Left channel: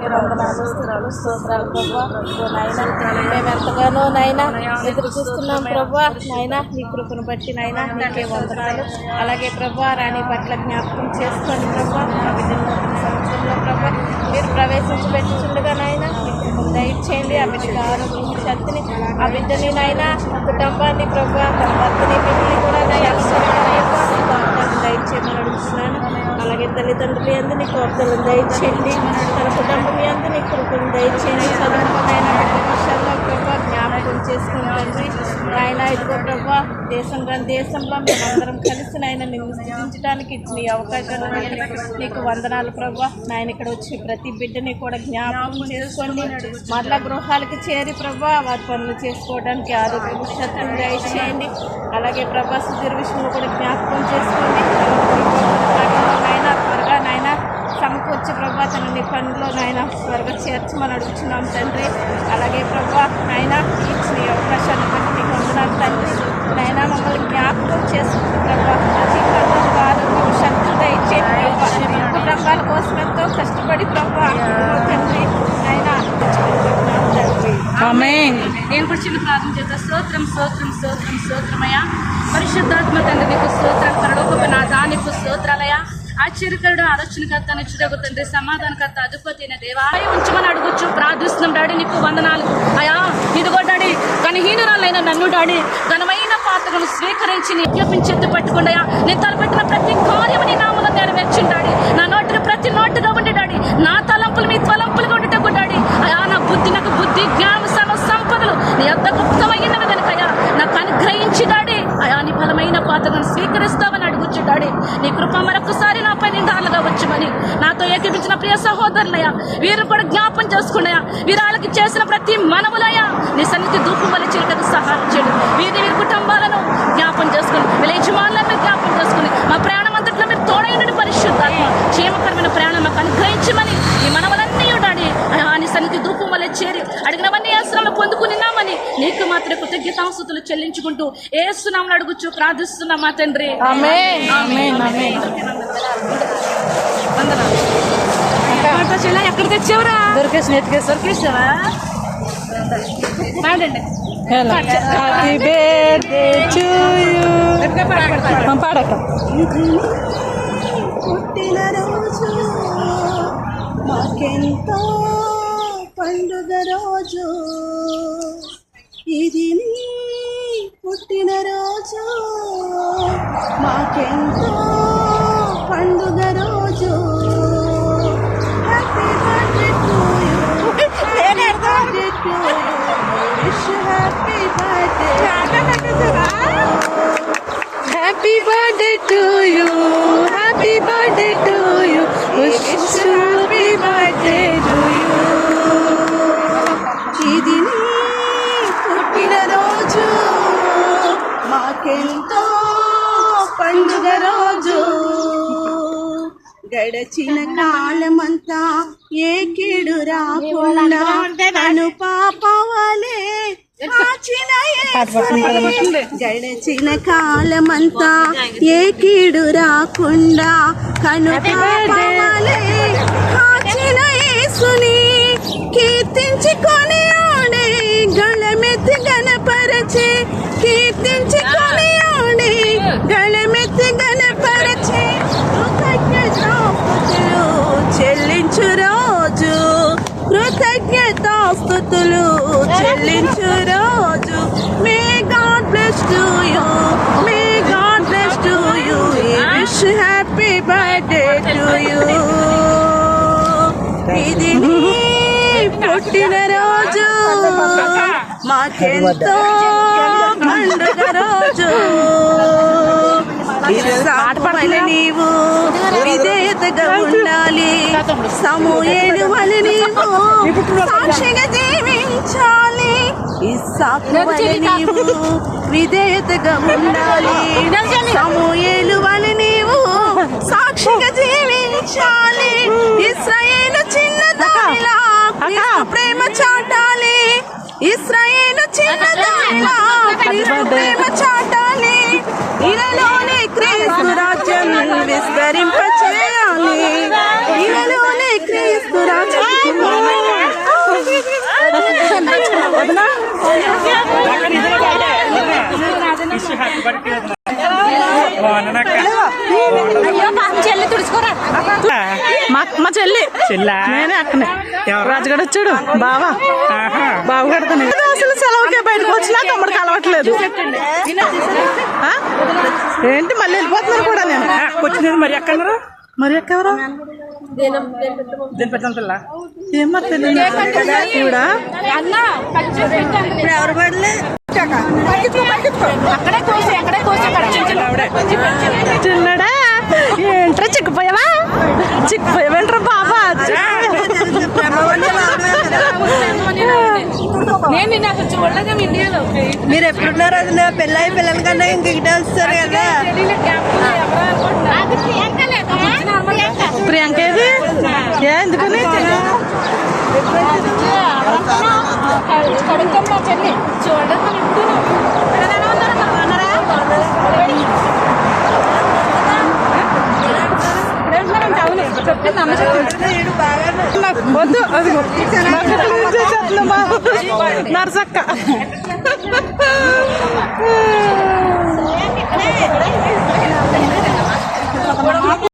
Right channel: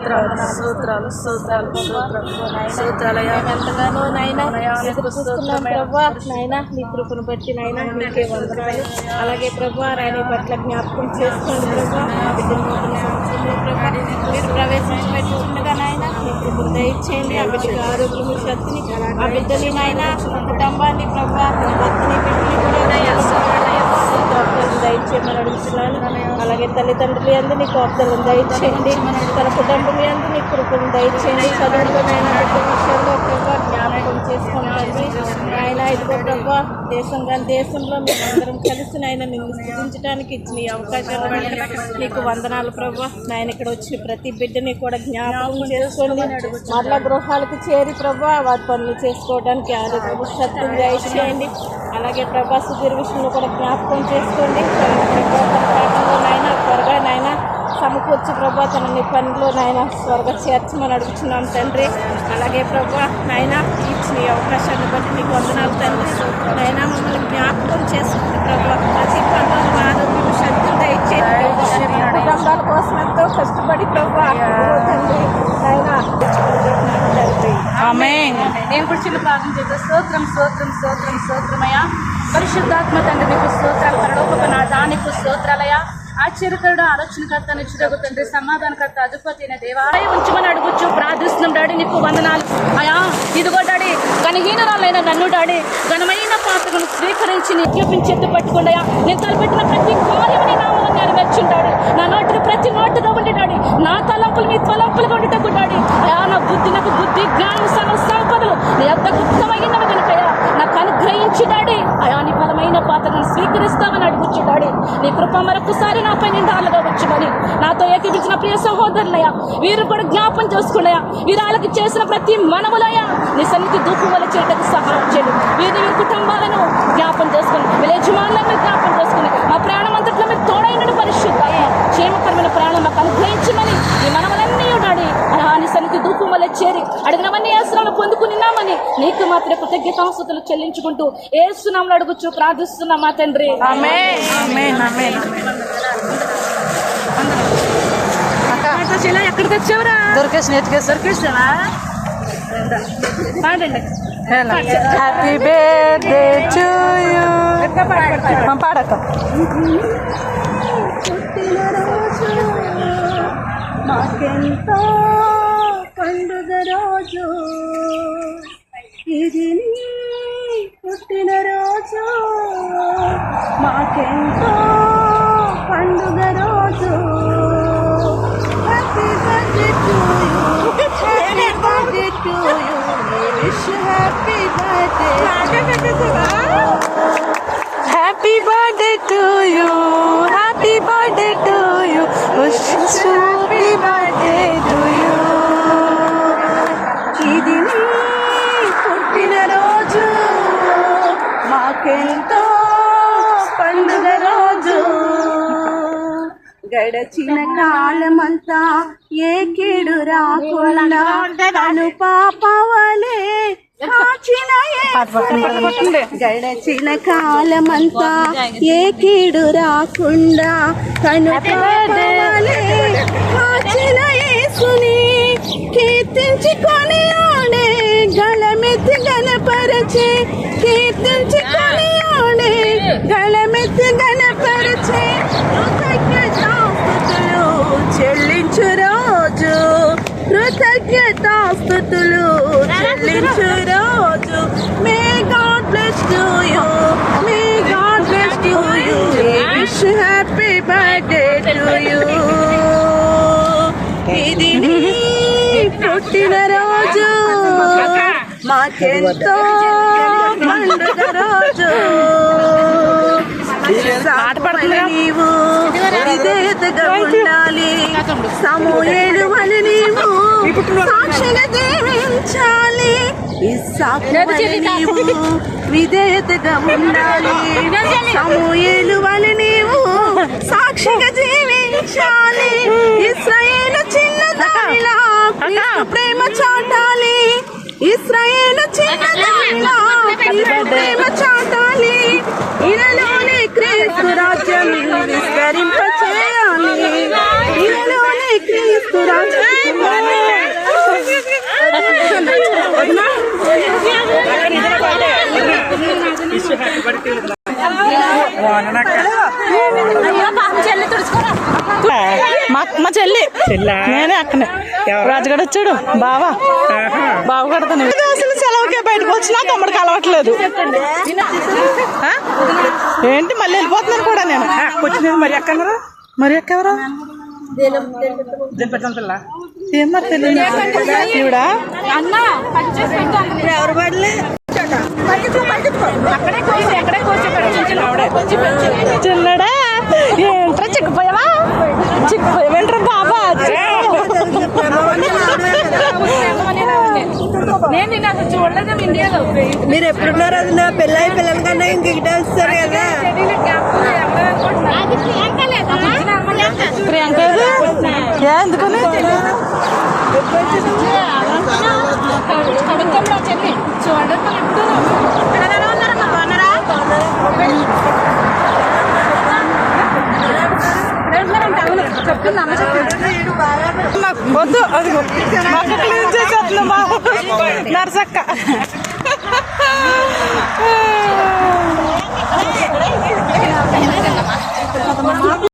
స్తోత్రాలు ప్రభా. మేము ఎంతగానో నైనా ఎదురు చూస్తున్నాం ప్రభా. నైనా నీ కృపను బట్టి నైనా నీకే వందనాలు. అలాగే ప్రభా రాణి పట్ల జ్ఞాపకం చేసుకోండి ప్రభా. ప్రవేశించలేకుండా నాయన దయచేయండి. ఆ బిడ్డకి ఆరోగ్యం శక్తిని, ఆ బిడ్డని నాయన కుటుంబాన్ని ప్రభా భర్తని బిడ్డని కూడా దయచేయమని అడుగుతున్నాను. అలాగే తల్లిదండ్రులు అందు నీ కోపదలను దయచేయండి. తన కుటుంబం అందు నీ కృపను దయచేయండి. చదువుతో జ్ఞాపకం చేసుకోండి ఆయన. ఇదిగో ప్రభా దేశంలో మేమందరం కలిసి నాయన నిన్ను స్థుతించడానికి ఇచ్చిన ఈ అవకాశాలు నీకు వందనాలు ప్రభా. నాయన ఇక్కడ వచ్చిన ప్రతి బిడ్డని కూడా జ్ఞాపకం చేసుకోండి. మరలా గృహాలకి చేరి ప్రభా వారి పనులు చేసుకోవడానికి ఆరోగ్య శక్తిని దయచేయండి. అలాగే ప్రభా సుధీర్ విషయంలో కూడా జ్ఞాపకం చేసుకోండి. నాయన త్వరగా నాయన సమకూర్చి ప్రభా తన నీ పనులు నాయన త్వరగా చేర్చమని అడుగుతున్నాం తండ్రి. అలాగే ప్రభా నాయన ఇచ్చిన ఈ అవకాశాన్ని బట్టి మీకు వందనాలు తండ్రి. నాయన మమ్మల్ని జ్ఞాపకం చేసుకుంటే ప్రభా ప్రతి పనులు ఆరోగ్యం శక్తి దయచేయండి. కుటుంబాల కోసం ఎంతో కష్టపడి ప్రభా తండ్రి నాయన నేను కూడా చిన్న పాదం చేద్దా. స్తోత్రం స్తోత్రం స్తోత్రం స్తోత్రమయ్యా. పరిశుద్ధాత్మ తండ్రి నీకు స్తోత్రాలు. పరలోకపు నాథా నీకు స్తోత్రాలయ్యా. ఆశ్చర్యకరుడు, ఆలోచనకర్త, నిచ్చుడగు తండ్రి, సమాధానకర్త, అధిపతి అయిన దేవా ఉంచమని అడుగుచ్చు ప్రార్థిస్తున్నాం డాడీ. నీకు వందనాలు అయా. ఇదిగో డాడీ ఘనహీనురాలైన నన్ను డాడీ ఘనమైన పాత్రను స్వీకరించి నీ చూపించేట్టు పట్టుకుండయా. నేను తలపెట్టిన ప్రతి కార్యం నీ నామమున నెరవేర్చిన డాడీ. నా నోటిని ప్రతి నోటుగా ఉండి డాడీ. నా తలంపులు నీ తలంపులుగా ఉండటకు డాడీ అయా. నా బుద్ధి నీకు బుద్ధి, జ్ఞానం, సంపదలు నీ అంత గుప్తమైనవి కనుకయా నాకు అనుగ్రహించి డాడీ అయా నీ బలమైన పాత్రను స్వీకరిస్తామని అడుగుచ్చు డాడీ. నీ కృప మరొకసారి నాపై నిండాలుగా వచ్చమని నాతో ఏకీపించిన ప్రియ సహోదరులయ్యా వీరు కూడా జ్ఞాపం చేసుకున్నాయా. వీరాలకి చేసిన ప్రతి మనవులయ్యా నీ సన్నిధి దూపు వల్ల చేతకు సహాయం చేయడు. వీరి కుటుంబాలను జ్ఞాపం చేసుకుని వీళ్ళ యజమానులను జ్ఞాపం చేసుకుని మా ప్రయాణం అంతట్లో మీరు తోడైన పరిశుద్ధాత్మ క్షేమకరమైన ప్రయాణం మాకు అనుగ్రహించమని ఈ మనవలన్నీ డాడీ నీ సన్నిధి దూపు వల్ల చేరి అడిగినవన్నీ అవసరాలు పొందుకున్నామని నీకు మాత్రం కృతజ్ఞతాస్తుతులు చెల్లించుకుంటూ ఏస్తున్నామని అడుగుచు ప్రార్థిస్తున్నాం మా తండ్రి. ఎక్కడ తెచ్చావురా? దొరికేసావా? పాడండి. పాడక పుట్టినరోజు మాకెంతో పండుగ రోజు, ఇది నీ పుట్టినరోజు మాకెంతో పండుగ రోజు. Happy birthday to you, happy birthday to you, wish happy birthday, happy birthday to you, happy birthday to you, wish happy birthday to you. ఇది నీ పుట్టినరోజు మాకెంతో పండుగ రోజు. గడచిన కాలమంతా ఏ కీడు రాకుండా తను పాపవలే కాచిన యేసునే. గడచిన కాలమంతా ఏ కీడు రాకుండా కను పాపవలే కాచిన యేసుని కీర్తించుకొని ఆడే గళమెత్తి గణపరచే, కీర్తించుకొని ఆడే గళమెత్తి గణపరచే. కృతజ్ఞతాస్తుతులు చెల్లించు రోజు, కృతజ్ఞతాస్తుతులు చెల్లించు రోజు. May God bless to you, may God bless to you, wish happy birthday to you. ఇది పుట్టినరోజు మాకెంతో పండుగ రోజు. నీవు విధేయతగా ఉండాలి, సమూయేలు వలె నీవు సాక్షిగా జీవించాలి. ఇస్సాకు వలె నీవు విధేయతగా ఉండాలి, సమూయేలు వలె నీవు సాక్షిగా జీవించాలి. ఇశ్రాయేలు చిన్నదానిలా క్రీస్తు ప్రేమ చాటాలి, ఇశ్రాయేలు చిన్నదానిలా క్రీస్తు ప్రేమ చాటాలి. ఇలాలోనే క్రీస్తు రాజ్యం విస్తరింప చేయాలి, ఇలాలోనే క్రీస్తు రాజ్యం మా చెల్లి నేనే అక్కనే రాజుగడ వచ్చాడు బావా కడతాను అసలు సెలవుకే బయటకు వచ్చినా తమ్ముడికి అలవట్లేదు ఏంటి మళ్ళీ వెళ్ళిపోతున్నాను కూడా నేను వచ్చింది మరి ఎక్కడన్నారు మరి ఎక్కవరా దీని పెద్ద పిల్ల ఏం మరి తెలియదు ఈవిడా ఎవరు పడలే చిన్నడా ఏంట్రా చిక్కుపోయావేంట్రా బాబా మీరు ఎప్పుడున్నారు అది పిల్లల కన్నా ఇంటికి వస్తారు కదా ప్రియాంక ఎందుకని చెల్లి చూడండి వద్దు అది నర్సక్క